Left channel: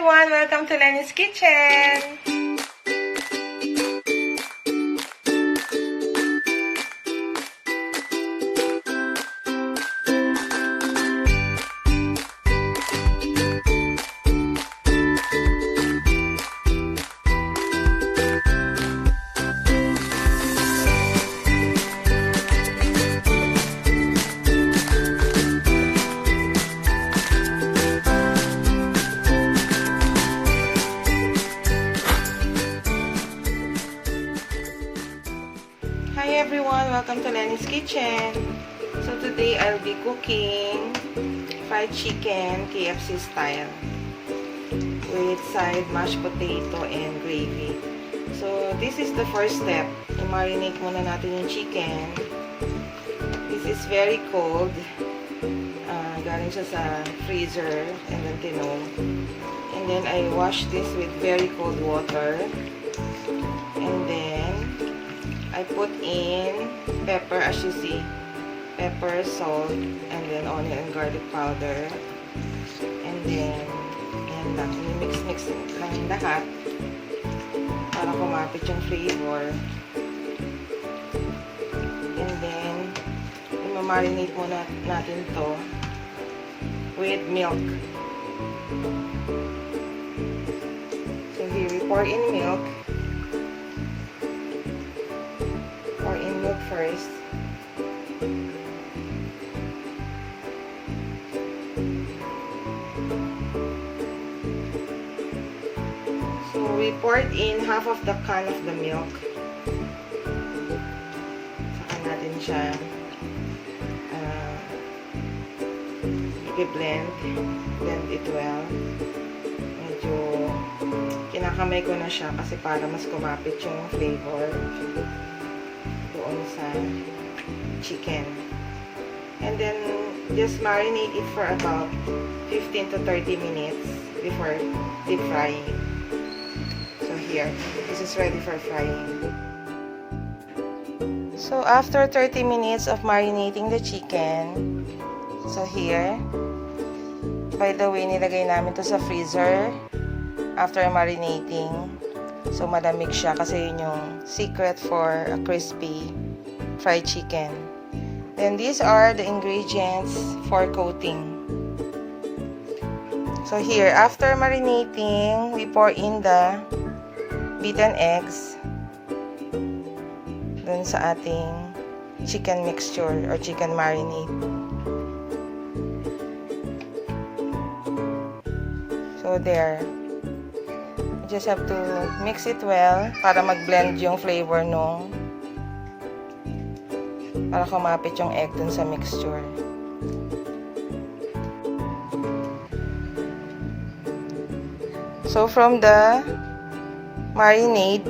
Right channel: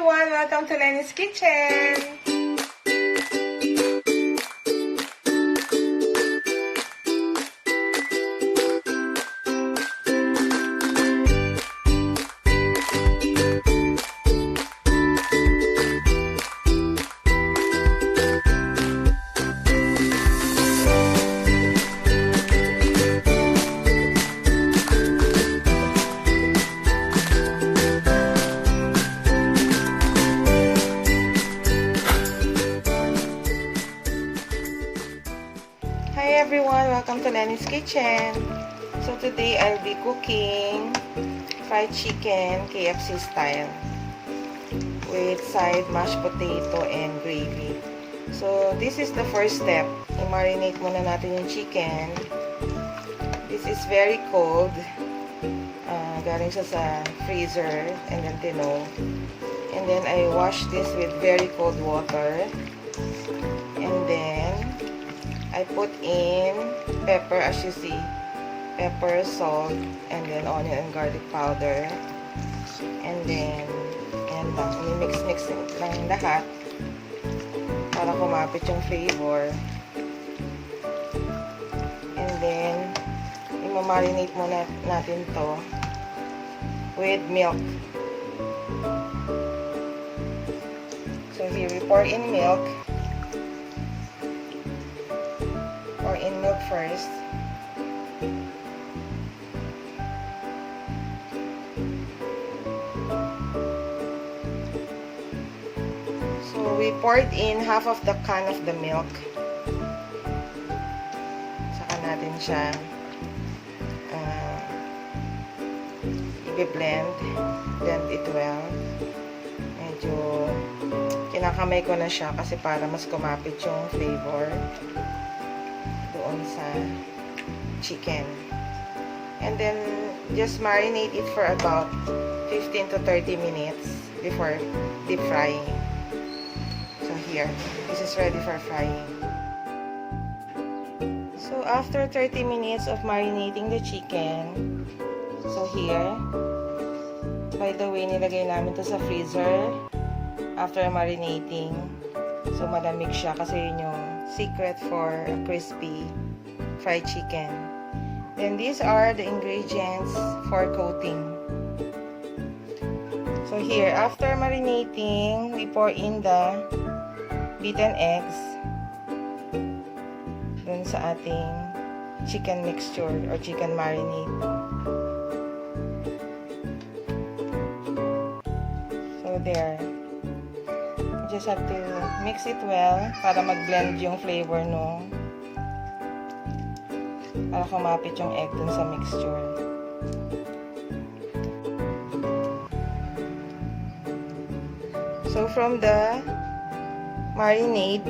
everyone! Welcome to Leny's Kitchen! Hi everyone! Welcome to Leny's Kitchen! So today I'll be cooking fried chicken KFC style with side mashed potato and gravy. So this is the first step. I-marinate muna natin yung chicken. This is very cold. Galing siya sa freezer and then tinog. And then I wash this with very cold water. And then I put in pepper, as you see, pepper, salt, and then onion and garlic powder. And then, yan lang, mix lang lahat para kumapit yung flavor. And then, i-marinate muna natin to with milk. So here, we pour in milk. Milk first. So we poured in half of the can of the milk. Saka natin siya i-blend it well. Medyo kinakamay ko na siya kasi para mas kumapit yung flavor sa chicken. And then just marinate it for about 15 to 30 minutes before deep frying. So here, this is ready for frying. So after 30 minutes of marinating the chicken, so here, by the way, nilagay namin to sa freezer after marinating. So, malamig siya kasi yun yung secret for a crispy fried chicken. Then, these are the ingredients for coating. So, here, after marinating, we pour in the beaten eggs dun sa ating chicken mixture or chicken marinade. So, there. Just have to mix it well para mag-blend yung flavor nung para kumapit yung egg dun sa mixture. So from the marinade,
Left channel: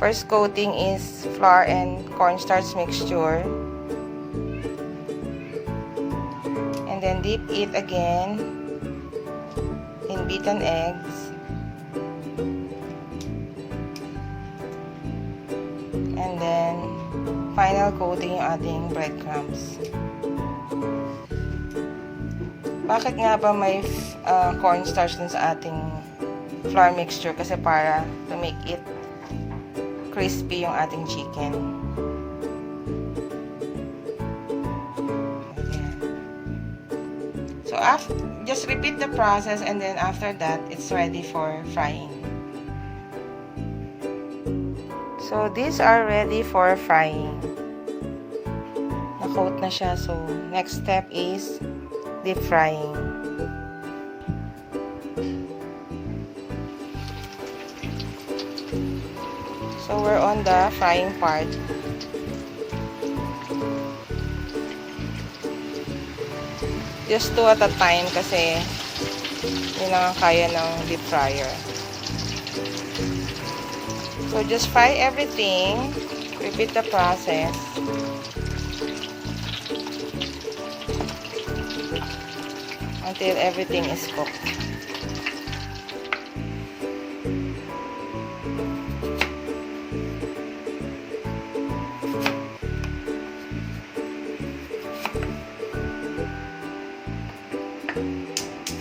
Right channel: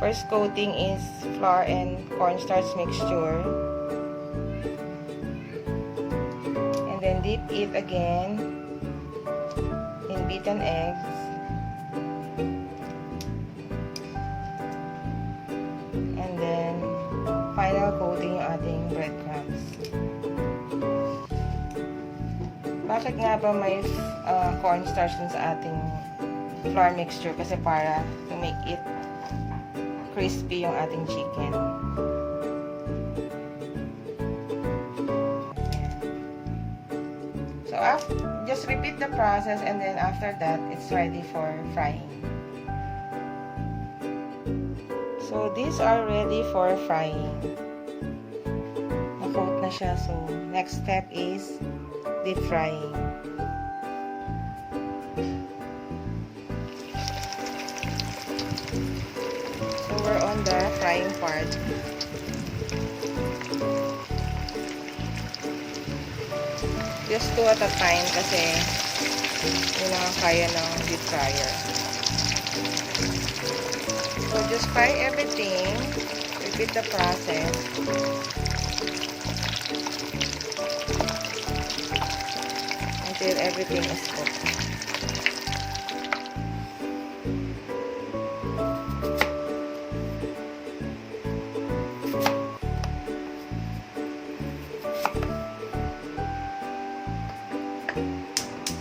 first coating is flour and cornstarch mixture, and then dip it again in beaten eggs. And then, final coating yung ating breadcrumbs. Bakit nga ba may cornstarch dun sa ating flour mixture? Kasi para to make it crispy yung ating chicken. So, just repeat the process and then after that, it's ready for frying. So, these are ready for frying. Na-coat na siya. So, next step is deep frying. So, we're on the frying part. Just two at a time kasi yun lang ang kaya ng deep fryer. So, just fry everything. Repeat the process. Until everything is cooked.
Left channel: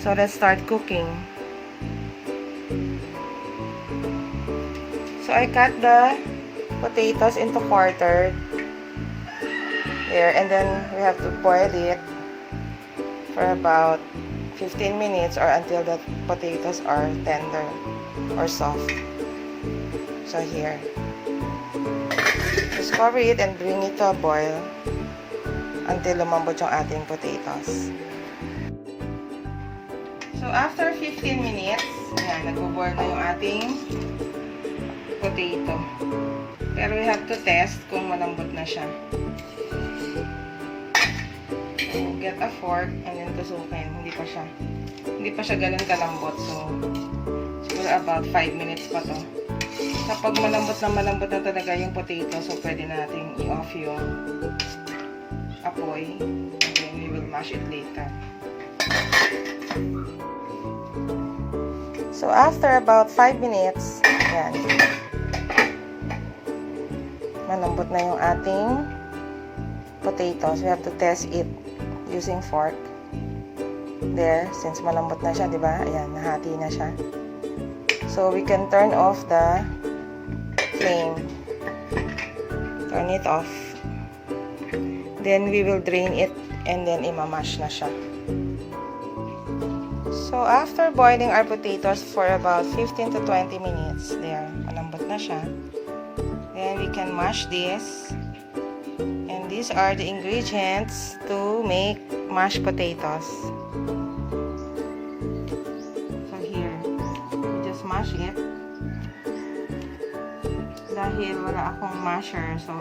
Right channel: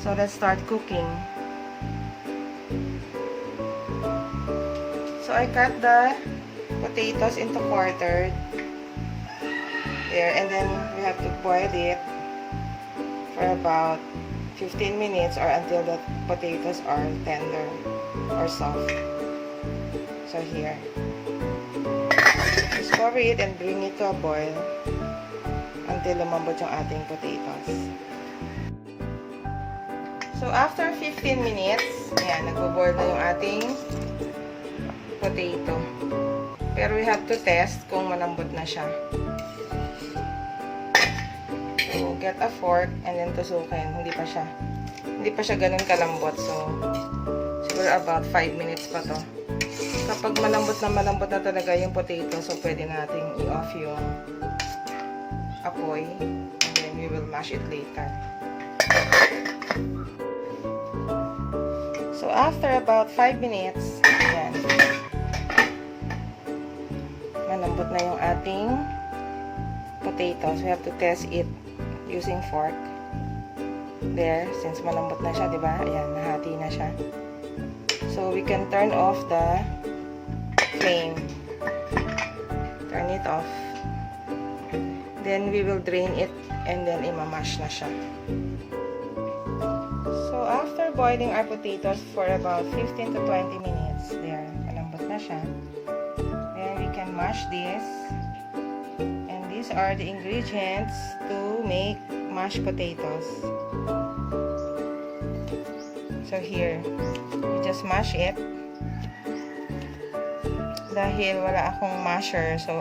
So let's start cooking. So I cut the potatoes into quarter. There, and then we have to boil it for about 15 minutes or until the potatoes are tender or soft. So here, just cover it and bring it to a boil until lumambot yung ating potatoes. So after 15 minutes, ayan, nagbo-boil na yung ating potato. Pero we have to test kung malambot na siya. So, get a fork and then tusukin. Hindi pa siya ganun kalambot. So, siguro about 5 minutes pa to. Kapag malambot na talaga yung potato, so pwede nating i-off yung apoy. And then we will mash it later. So, after about 5 minutes, yan. Malambot na yung ating potatoes. We have to test it using fork. There, since malambot na siya, diba? Ayan, nahati na siya. So, we can turn off the flame. Turn it off. Then, we will drain it and then imamash na siya. So, after boiling our potatoes for about 15 to 20 minutes, there, malambot na siya. Then, we can mash this. And these are the ingredients to make mashed potatoes. So here, we just mash it. Dahil wala akong masher, so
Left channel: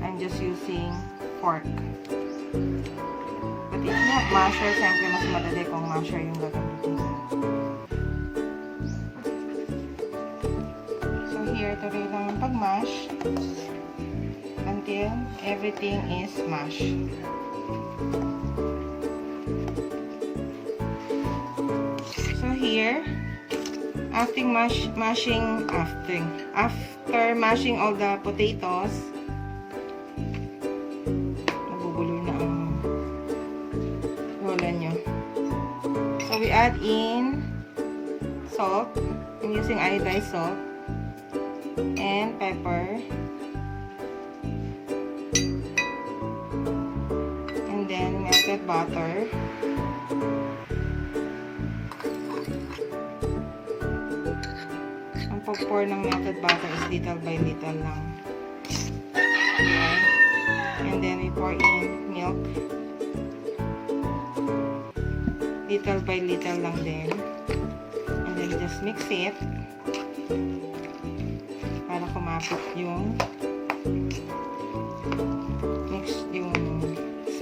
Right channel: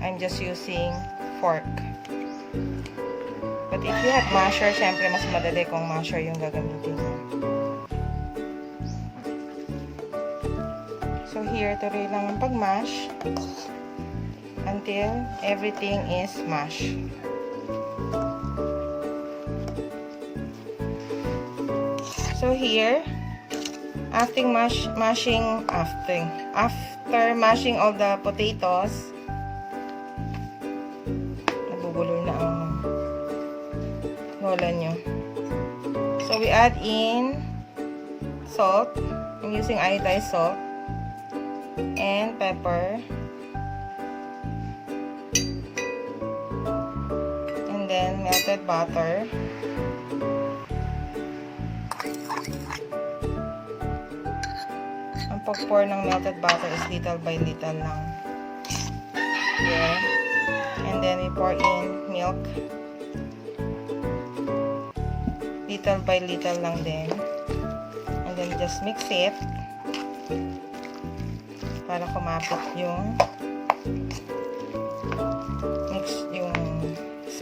I'm just using fork. But if you have masher, syempre mas madali kung masher yung gagamitin mo. So here, tuloy lang yung pag-mash until everything is mashed. So here, after mashing all the potatoes, nabubulo na ang lola nyo. So we add in salt. I'm using iodized salt and pepper. Melted butter. Ang pag-pour ng melted butter is little by little lang. Ayan. And then we pour in milk. Little by little lang din. And then just mix it para kumapit yung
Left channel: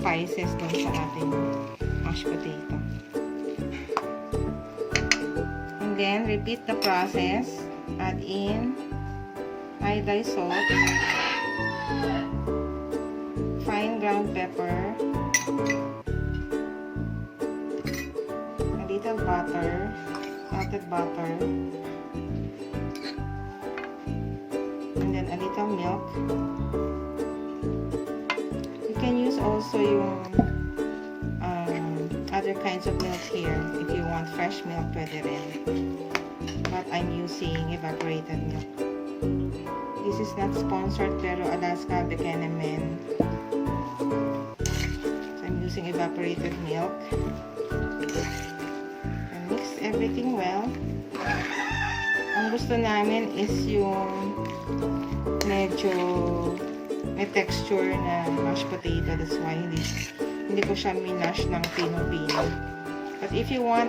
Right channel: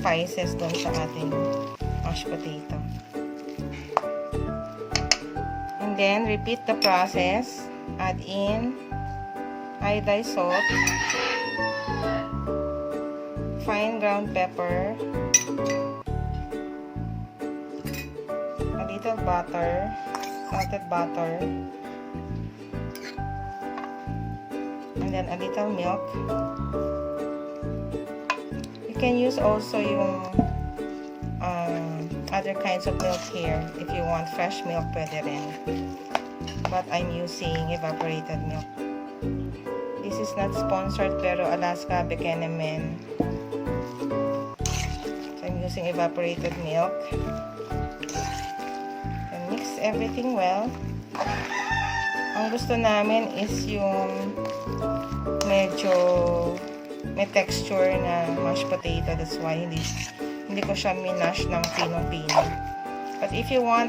spices doon sa ating mashed potato. And then, repeat the process. Add in iodized salt, fine ground pepper, a little butter, melted butter, and then a little milk. You can use also yung other kinds of milk here. If you want fresh milk, pwede rin. But I'm using evaporated milk. This is not sponsored, pero Alaska Buchanan. So I'm using evaporated milk. And mix everything well. Ang gusto namin is yung medyo may texture na mashed potato. That's why hindi ko siya minash ng pino-pino. But if you want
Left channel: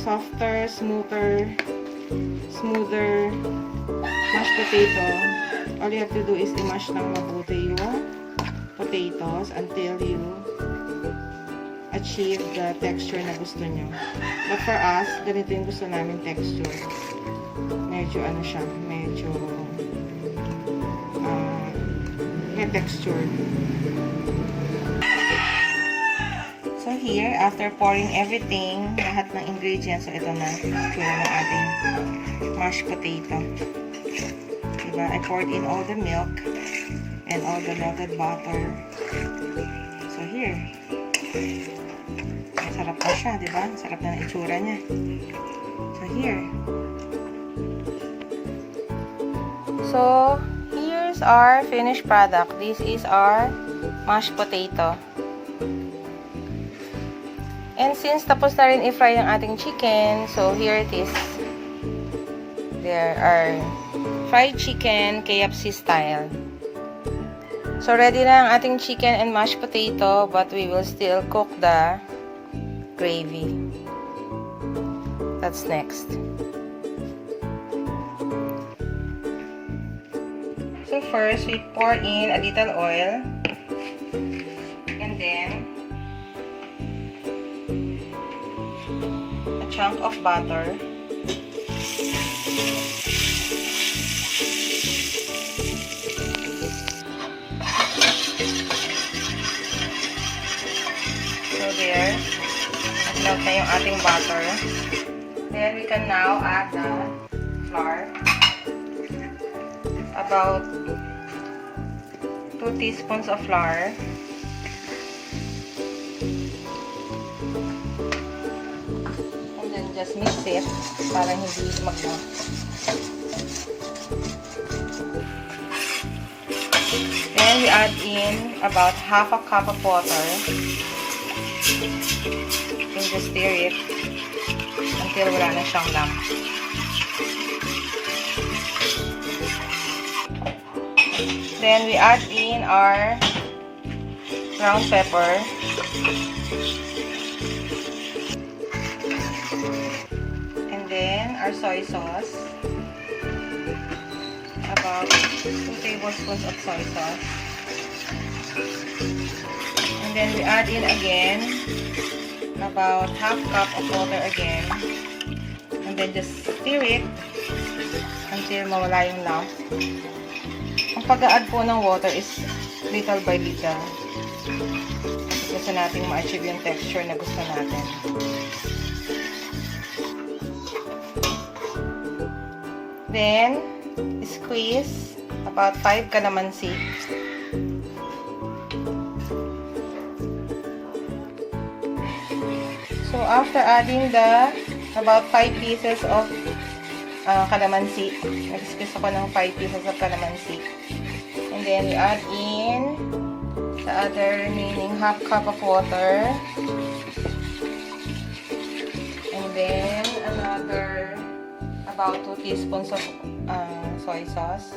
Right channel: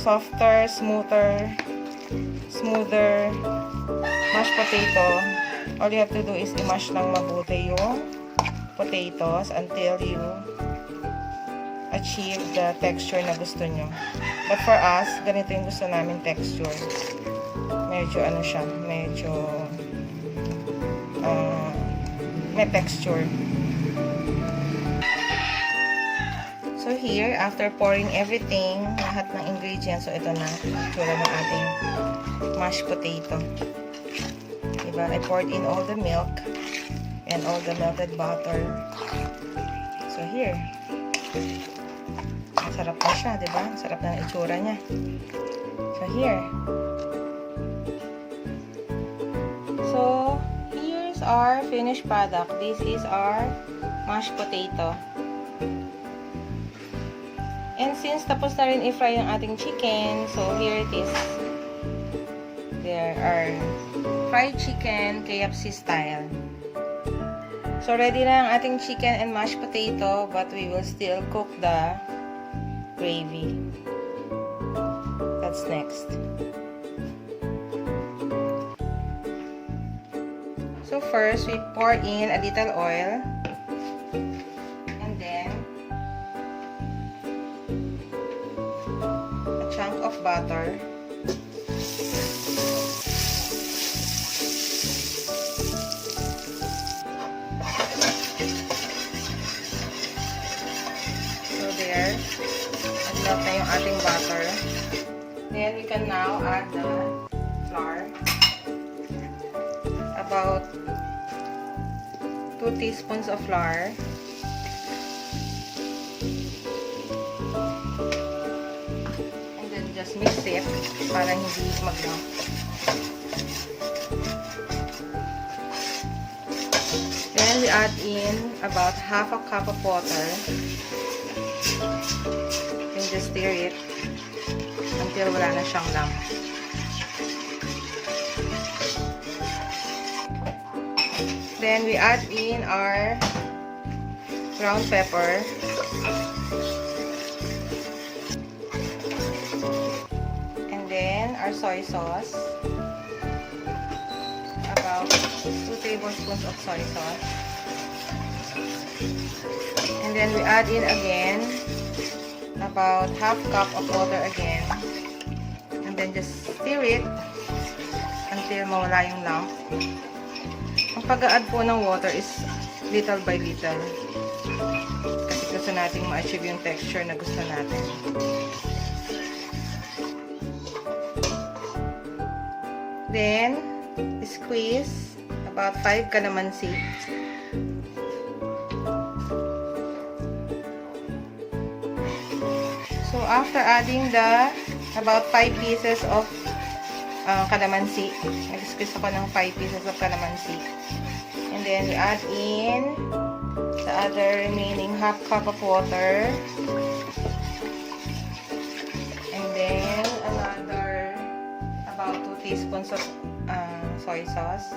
softer, smoother mashed potato, all you have to do is i-mash lang mabuti yung potatoes until you achieve the texture na gusto nyo. But for us, ganito yung gusto namin texture. Medyo ano siya, medyo may texture. So here, after pouring everything, lahat ng ingredients, so ito na, tsura ng ating mashed potato. Diba? I poured in all the milk and all the melted butter. So here. Masarap na siya, di ba? Sarap na ng itsura niya. So, here. So, here's our finished product. This is our mashed potato. And since tapos na rin i-fry ang ating chicken, so here it is. There are fried chicken, KFC style. So, ready na ang ating chicken and mashed potato, but we will still cook the gravy. That's next. So, first, we pour in a little oil. And then, a chunk of butter. There, nag-melt na yung ating butter. Then, we can now add the flour. About 2 teaspoons of flour. And then, just mix it para hindi mag-melt. Then, we add in about half a cup of water. And just stir it until wala na siyang lump. Then we add in our ground pepper. And then our soy sauce. About 2 tablespoons of soy sauce. And then we add in again about half cup of water again. And then just stir it until mawala yung lump. Ang pag-a-add po ng water is little by little. Gusto natin ma-achieve yung texture na gusto natin. Then, squeeze about 5 kalamansi. So, after adding the about 5 pieces of kalamansi, nag-squeeze ako ng 5 pieces of kalamansi. And then, we add in the other remaining half cup of water. And then, another about 2 teaspoons of soy sauce.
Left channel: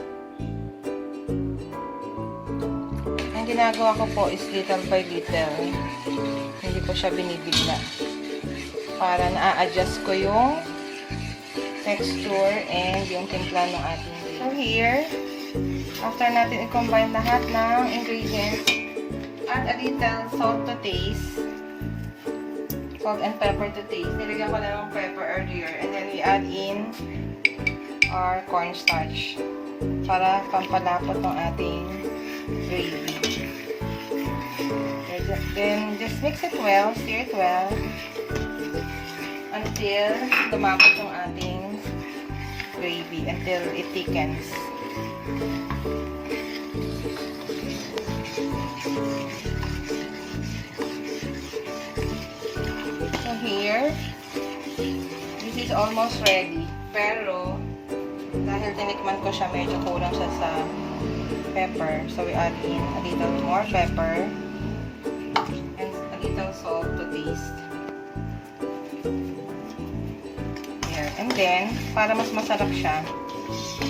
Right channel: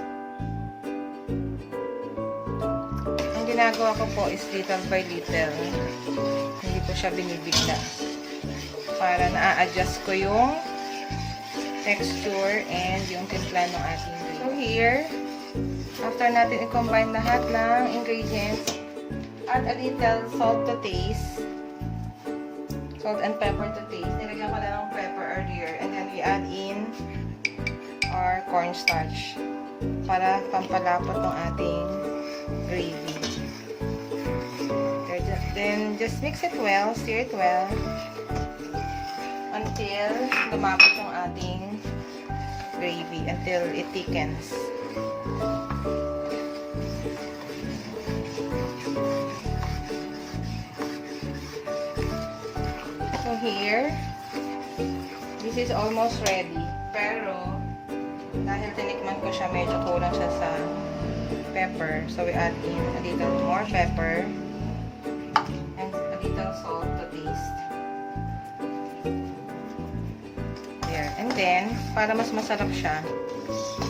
Ang ginagawa ko po is little by little. Hindi ko siya binibigla. Para na-adjust ko yung texture and yung timpla ng ating gravy. So here, after natin i-combine lahat ng ingredients, add a little salt to taste. Salt and pepper to taste. Nilagyan ko na ng pepper earlier. And then we add in our cornstarch para pampalapot ng ating gravy. Then just mix it well, stir it well until lumapot yung ating gravy, until it thickens. So here, this is almost ready. Pero, dahil tinikman ko siya, medyo kulang siya sa pepper. So we add in a little more pepper and a little salt to taste. And then, para mas masarap siya,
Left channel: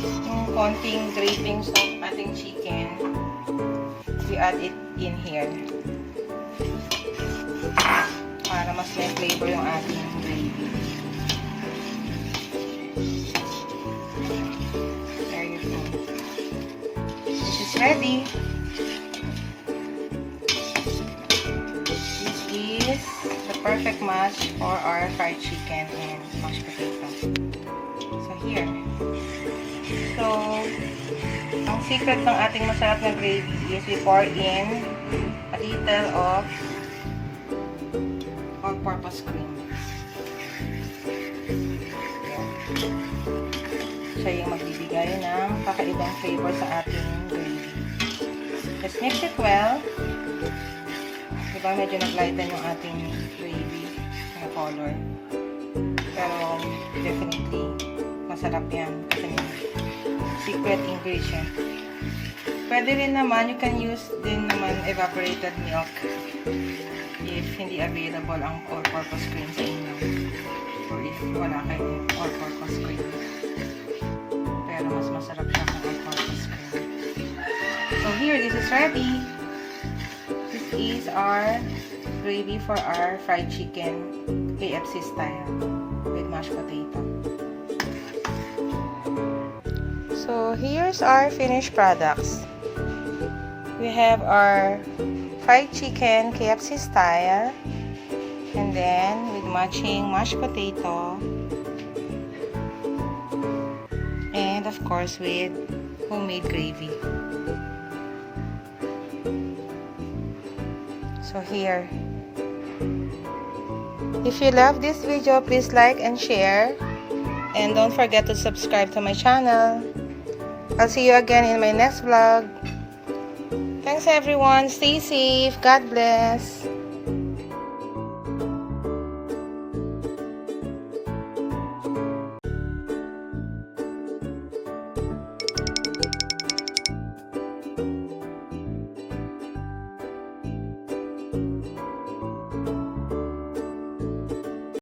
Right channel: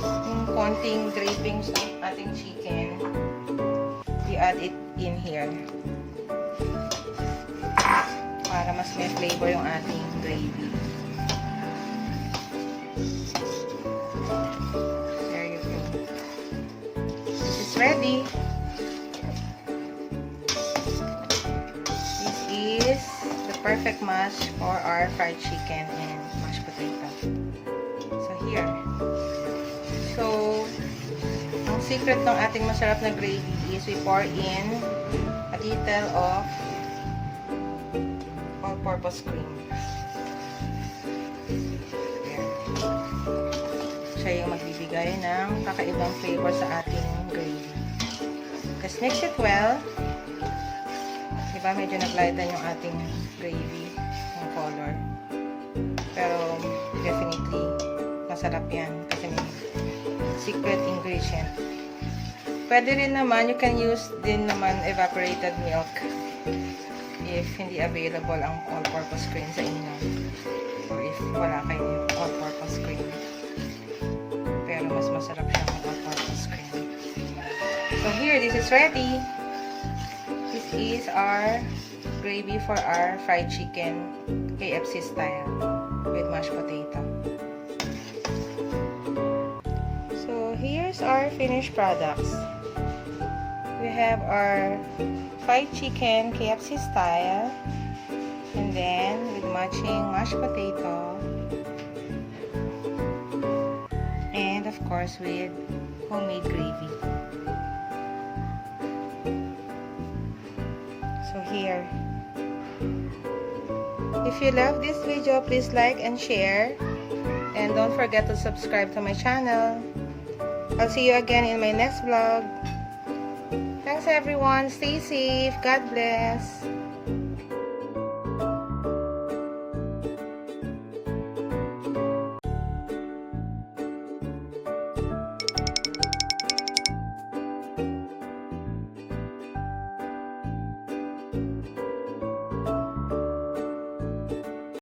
yung konting drapings ng ating chicken, we add it in here. Para mas may flavor yung ating gravy. There you go. This is ready. This is the perfect match for our fried chicken and mashed potato. So, here. So, ang secret ng ating masarap na gravy is we pour in a little of all-purpose cream. Siya yung magbibigay ng kakaibang flavor sa ating gravy. Just mix it well. Diba medyo naglighten yung ating gravy. color. Pero, definitely, masarap yan. Kasi secret ingredient. Pwede rin naman, you can use din naman evaporated milk if hindi available ang all-purpose cream sa inyo. So, if wala kayong all-purpose cream. Pero mas masarap siya ng all-purpose cream. So, here, this is ready. This is our gravy for our fried chicken, KFC style, with mashed potato. So, here's our finished products. We have our fried chicken, KFC style, and then with matching mashed potato, and of course with homemade gravy. So here, if you love this video, please like and share, and don't forget to subscribe to my channel. I'll see you again in my next vlog. Thanks everyone. Stay safe. God bless.